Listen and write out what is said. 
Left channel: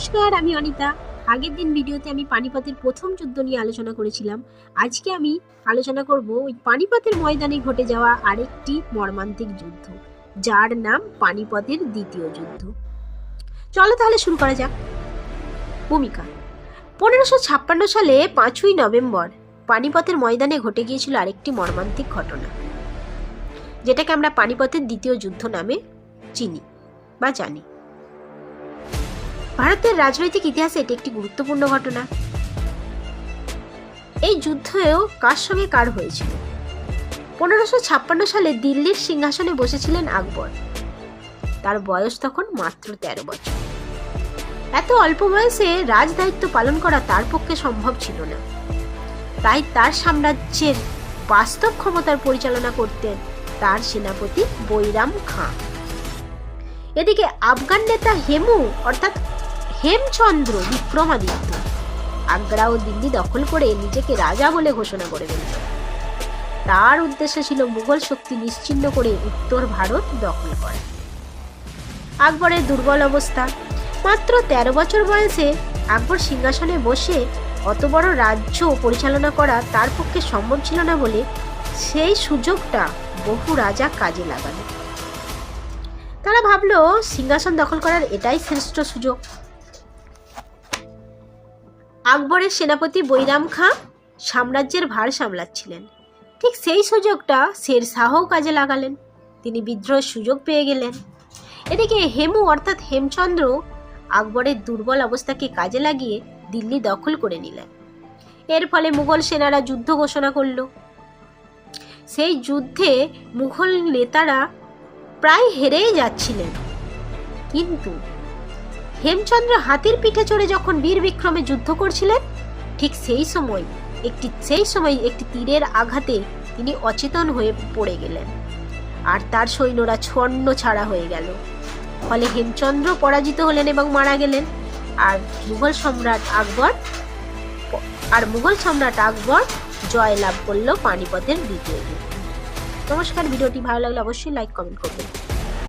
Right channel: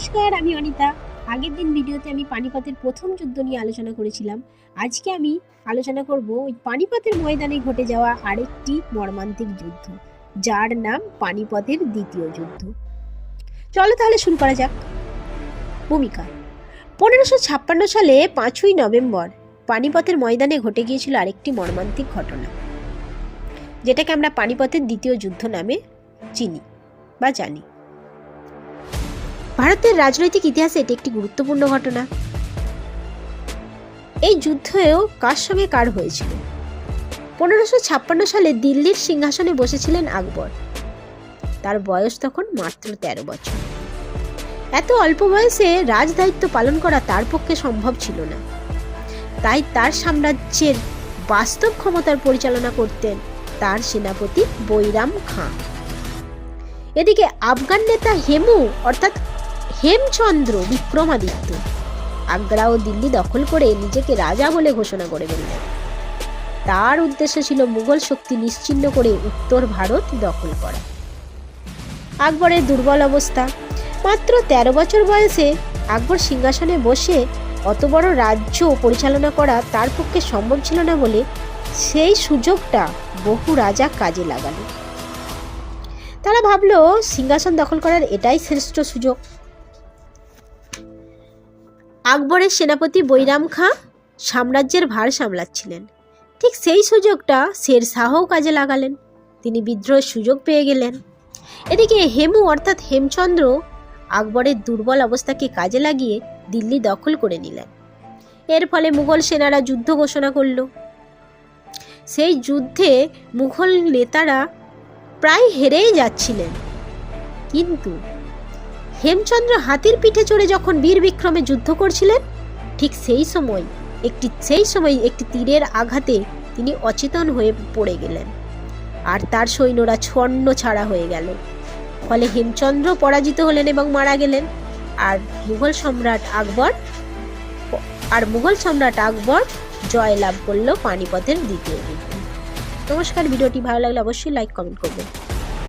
নমস্কার, আমি অনিতা। আগের দিন ভিডিওতে আমি পানিপথের প্রথম যুদ্ধ নিয়ে আলোচনা করেছিলাম। আজকে আমি আলোচনা করব ওই পানিপথের ময়দানে ঘটে যাওয়া আরেকটি মর্মান্তিক যুদ্ধ, যার নাম পানিপথের দ্বিতীয় যুদ্ধ। চলো তাহলে শুরু করা যাক। ভূমিকা: 1556 সালে 5ই নভেম্বর পানিপথের ময়দানে ঘটে গিয়েছিল আরেকটি মর্মান্তিক ঘটনা, যেটাকে আমরা পানিপথের দ্বিতীয় যুদ্ধ নামে চিনি বা জানি। ভারতের রাজনৈতিক ইতিহাসে এটি একটি গুরুত্বপূর্ণ ঘটনা। এই যুদ্ধেও কার সঙ্গে কার হয়েছিল? 1556 সালে দিল্লির সিংহাসনে বসেছিলেন আকবর। তার বয়স তখন মাত্র 13 বছর। এত অল্প বয়সে রাজদায়িত্ব পালন করা তার পক্ষে সম্ভব ছিল না। তাই তার সাম্রাজ্যের বাস্তব ক্ষমতার পরিচালনা করতেন তার সেনাপতি বৈরাম খাঁ। এদিকে আফগান নেতা হেমু অর্থাৎ হেমচন্দ্র বিক্রমাদিত্য আগ্রা ও দিল্লি দখল করে নিজেকে রাজা বলে ঘোষণা করে দিলেন। তার উদ্দেশ্য ছিল মুঘল শক্তি নিশ্চিহ্ন করে উত্তর ভারত দখল করা। আকবরের দুর্বল অবস্থা। মাত্র 13 বছর বয়সে আকবর সিংহাসনে বসে অত বড় রাজ্য পরিচালনা করা তার পক্ষে সম্ভব ছিল না বলে সেই সুযোগটা বহু রাজা কাজে লাগালো। তারা ভাবলো সিংহাসন দখল করার এটাই শ্রেষ্ঠ সুযোগ। আকবরের সেনাপতি বৈরাম খাঁ সাম্রাজ্যের ভার সামলাচ্ছিলেন। ঠিক সেই সুযোগটা শের শাহও কাজে লাগালেন। তিনি বিদ্রোহের সুযোগ পেয়ে গেলেন। এদিকে হেমু অর্থাৎ হেমচন্দ্র আকবরের দুর্বল অবস্থাকে কাজে লাগিয়ে দিল্লি দখল করে নিলেন। এর ফলে মুঘল সেনারা যুদ্ধ ঘোষণা করল। সেই যুদ্ধে মুঘল নেতারা প্রায় হেরেই যাচ্ছিলেন, কিন্তু হেমচন্দ্র হাতির পিঠে চড়ে যখন বীর বিক্রমে যুদ্ধ করছিলেন, ঠিক সেই সময় একটি তীরের আঘাতে তিনি অচেতন হয়ে পড়ে গেলেন আর তার সৈন্যরা ছন্ন ছাড়া হয়ে গেল। ফলে হেমচন্দ্র পরাজিত হলেন এবং মারা গেলেন। আর মুঘল সম্রাট আকবর জয়লাভ করল পানিপথের দ্বিতীয়। নমস্কার, ভিডিওটি ভালো লাগলে অবশ্যই লাইক কমেন্ট করবেন।